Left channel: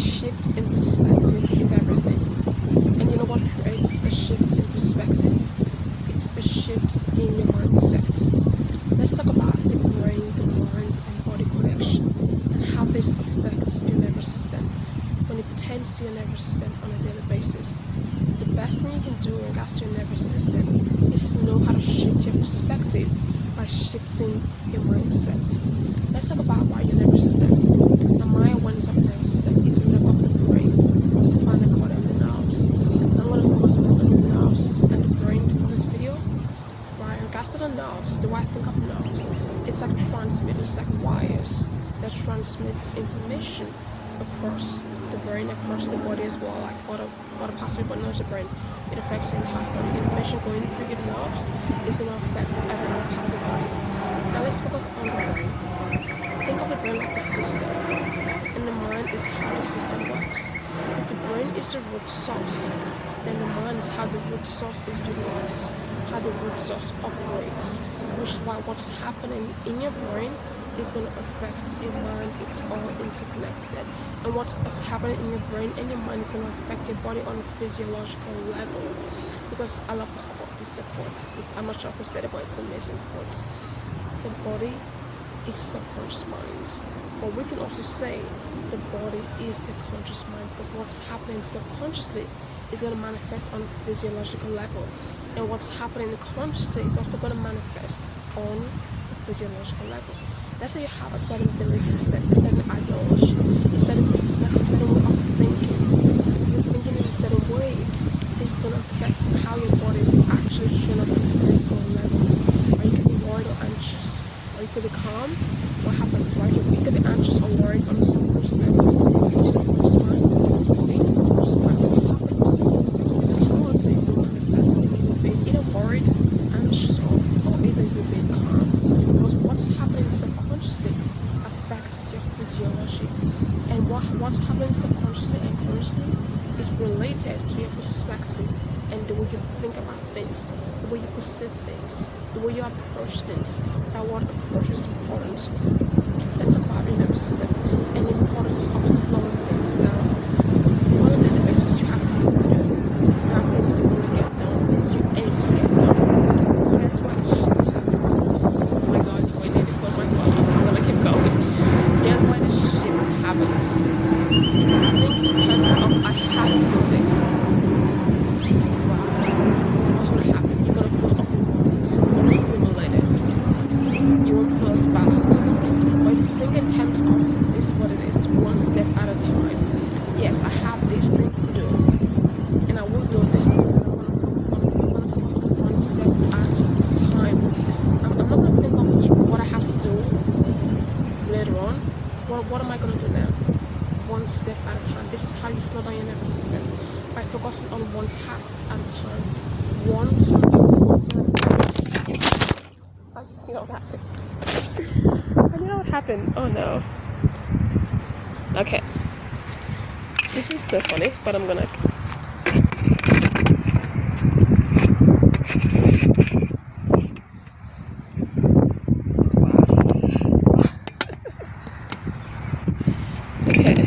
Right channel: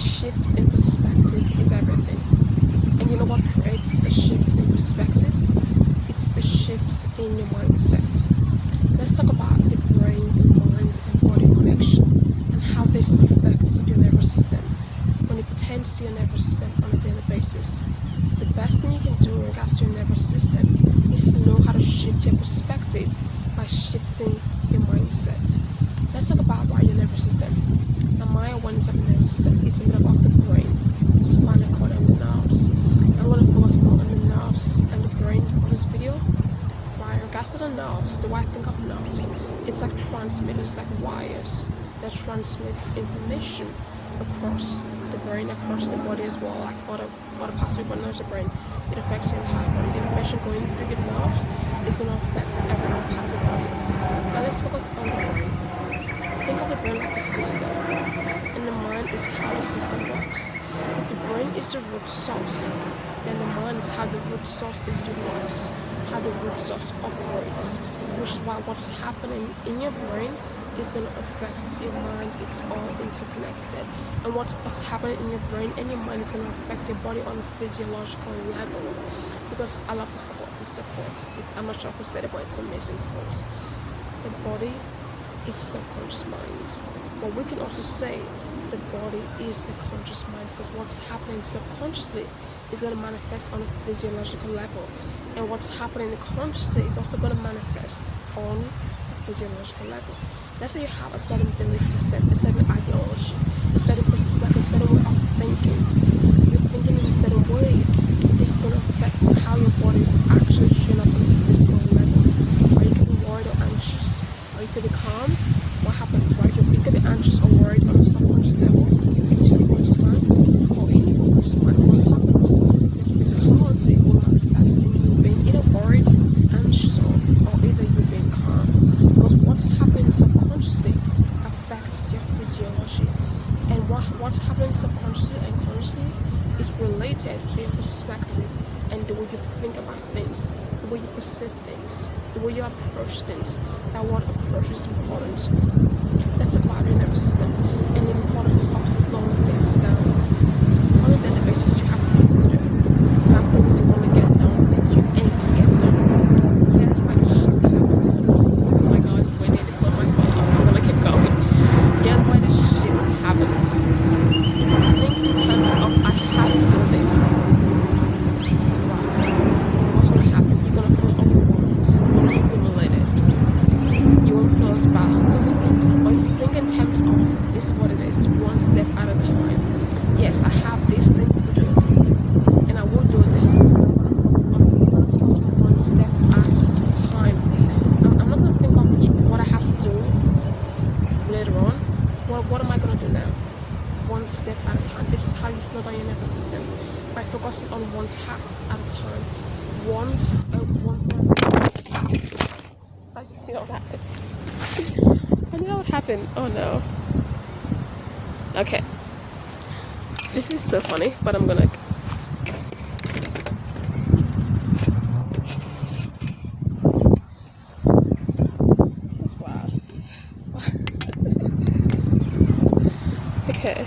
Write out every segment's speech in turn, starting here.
shift in perspective is everything. And you know what creates a shift in perspective? It's a shift in your mindset. Let's talk about the brain, the mind, and body connection and how this affects your nervous system. When it pertains to your nervous system on a daily basis, the best thing you can do in regards to your nervous system is to know how to shift your perspective by shifting your mindset. Let's talk about your nervous system. Now, my awareness of the nervous system, it's made up of the brain, the spinal cord, and the nerves. I'm going to focus more on the nerves and the brain for this video. In regards to the nerves, the way I think of nerves, it's like transmitters, like wires that transmits information across the brain, across the body as well, like other parts of your body, not just the brain. It affects your entire body. The information going through your nerves is going to affect every other part of your body. Now let's focus on the brain. Think of the brain like the system, and the mind is how the system works. If the brain is the root source, then the mind is how the root source is utilized, how the root source operates, which is why what's happening in your brain is going to affect your mind. It's all interconnected, and what's happening in your brain and your mind is going to affect your body on a physiological level. Because I love this quote. This is a quote. I'm not sure who said it, but it's an amazing quote. The body is a subconscious mind, but we can also say the body is the conscious mind, because what's happening subconsciously is going to manifest on a physiological level, and what's happening consciously is also going to manifest on a physiological level. Let's say you have a certain belief system, a certain ideology, a certain perspective, a certain way of thinking. You're thinking in a certain way. This is going to affect how your body is actually showing up on a physical level. Or you could be worried or anxious, or you could be calm. What happens, right? You could be anxious or worried on a subconscious level, in your subconscious mind, or in your conscious mind. What happens? Physicality will manifest in you being either worried, anxious, or either you being calm. Because what's happening subconsciously affects your physiology, and what's happening subconsciously and consciously is related to your perspective and the way you think about things, the way you perceive things, the way you approach things. That word approach is important. Let's talk about your nervous system and the importance of slowing things down. On a daily basis, you have things to do. You have things you want to get done, things you aim to get done. Here's why the shift happens. Oh my God, wait, I need to put my phone up. I'm gonna keep going. Here's why the shift happens. If you think in terms of I have to do this, right? What's gonna happen? You're gonna feel overwhelmed, overstimulated. You won't feel as balanced. But if you think in terms of this is what it is, one step at a time. Yes, I have these things to do, and I will do this, but I'm gonna focus on one step at a time. I'm not gonna think of what I have to do later on. What am I gonna do now? One step at a time. This is how you slow down your nervous system, by focusing on one task at a time. One thing at a time. I just knew what happened. I knew what happened. Oh no. Okay. This is so funny, but I'm gonna. This is wild. Okay.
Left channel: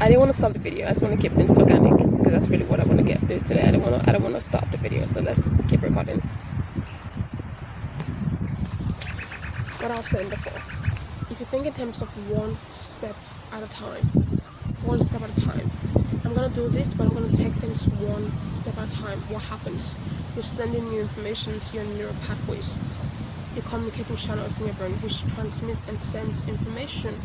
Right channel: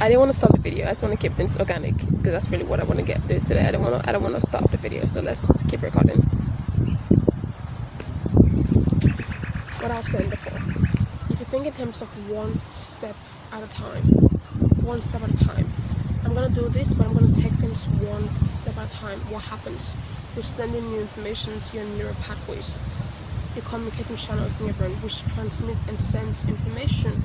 I didn't want to stop the video. I just want to keep things organic, because that's really what I want to do today. I don't want to stop the video, so let's keep recording. What I was saying before, if you think in terms of one step at a time, I'm gonna do this, but I'm gonna take things one step at a time. What happens? You're sending new information to your neural pathways, your communicating channels in your brain, which transmits and sends information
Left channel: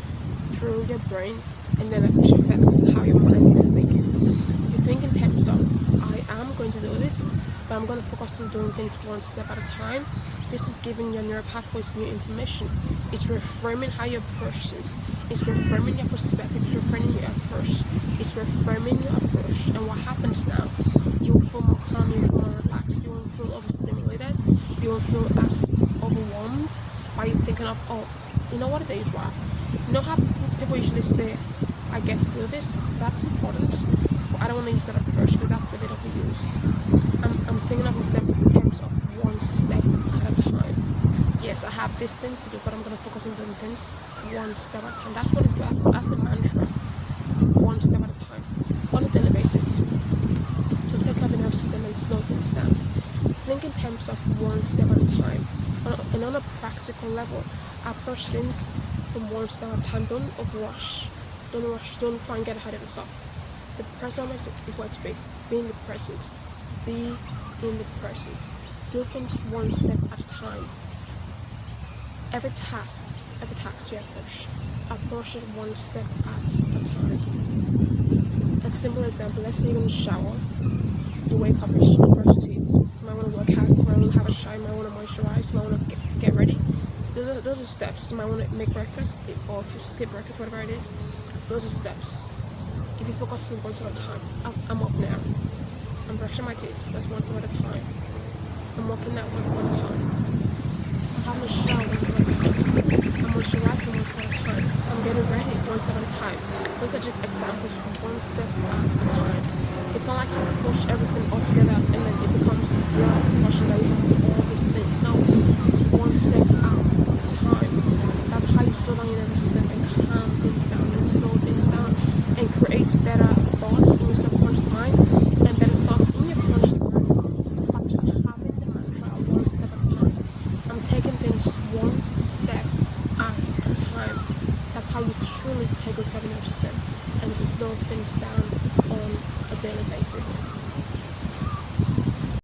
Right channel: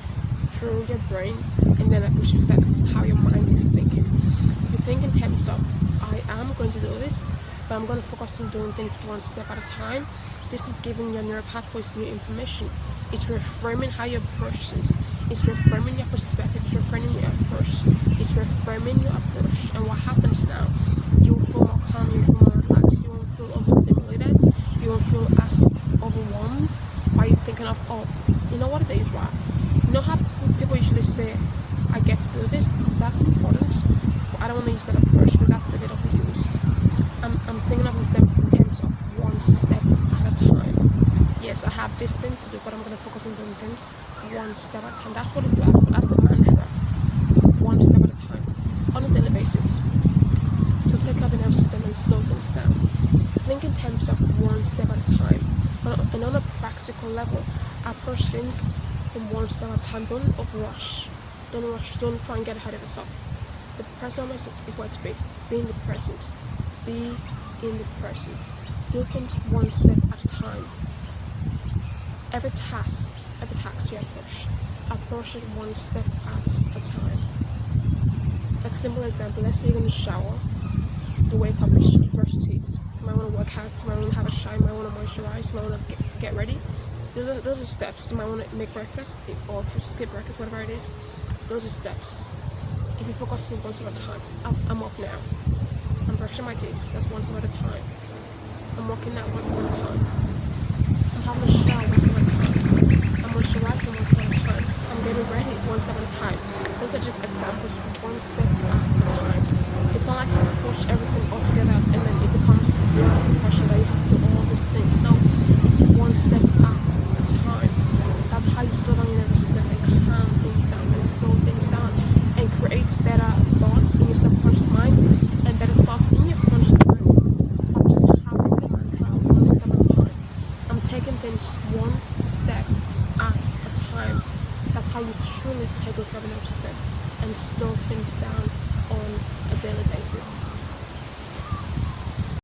through your brain, and then which affects how your mind is thinking. If you think in terms of I am going to do this, but I'm going to focus on doing things one step at a time, this is giving your neural pathways new information. It's reframing how you approach things. It's reframing your perspective. It's reframing your approach. It's reframing your approach. And what happens now? You will feel more calm. You will feel more relaxed. You won't feel overstimulated. You won't feel as overwhelmed by you thinking of, oh, you know what it is, right? You know how people usually say, I get to do this. That's important. But I don't want to use that approach, because that's a bit overused. I'm thinking of in terms of one step at a time. Yes, I have this thing to do, but I'm going to focus on doing things one step at a time. That's what it's about. That's the mantra. One step at a time. On a daily basis. To take care of your nervous system and slow things down. Think in terms of one step at a time. And on a practical level, approach things from one step at a time. Don't rush. Don't rush. Don't try and get ahead of yourself. The present moment is where to be. Be in the present. Be in the present. Do things one step at a time. Every task you approach it one step at a time. A simple example, let's say you're going to shower, you wake up, you brush your teeth, you might want to work out, you might want to have a shower, you might want to moisturize, you might want to get ready. Those are steps. You might want to make breakfast, or if you skip breakfast, whatever it is, those are steps. If you focus on one step at a time, I'm up now, I'm brushing my teeth, that's one step at a time. I'm walking out one step at a time. I'm having a shower one step at a time. I'm moisturizing one step at a time. I'm getting ready one step at a time. Those are just examples from one step at a time. It's not like you push everything all together and then it becomes your portion that you have to do all these things. No, it's one step at a time. That's how you slow down your nervous system and calm things down and slow things down and create better thoughts in your subconscious mind and better thoughts in your conscious mind by just having the mantra one step at a time. I'm taking things one step at a time. That's how you truly take good care of your nervous system and slow things down on a daily basis.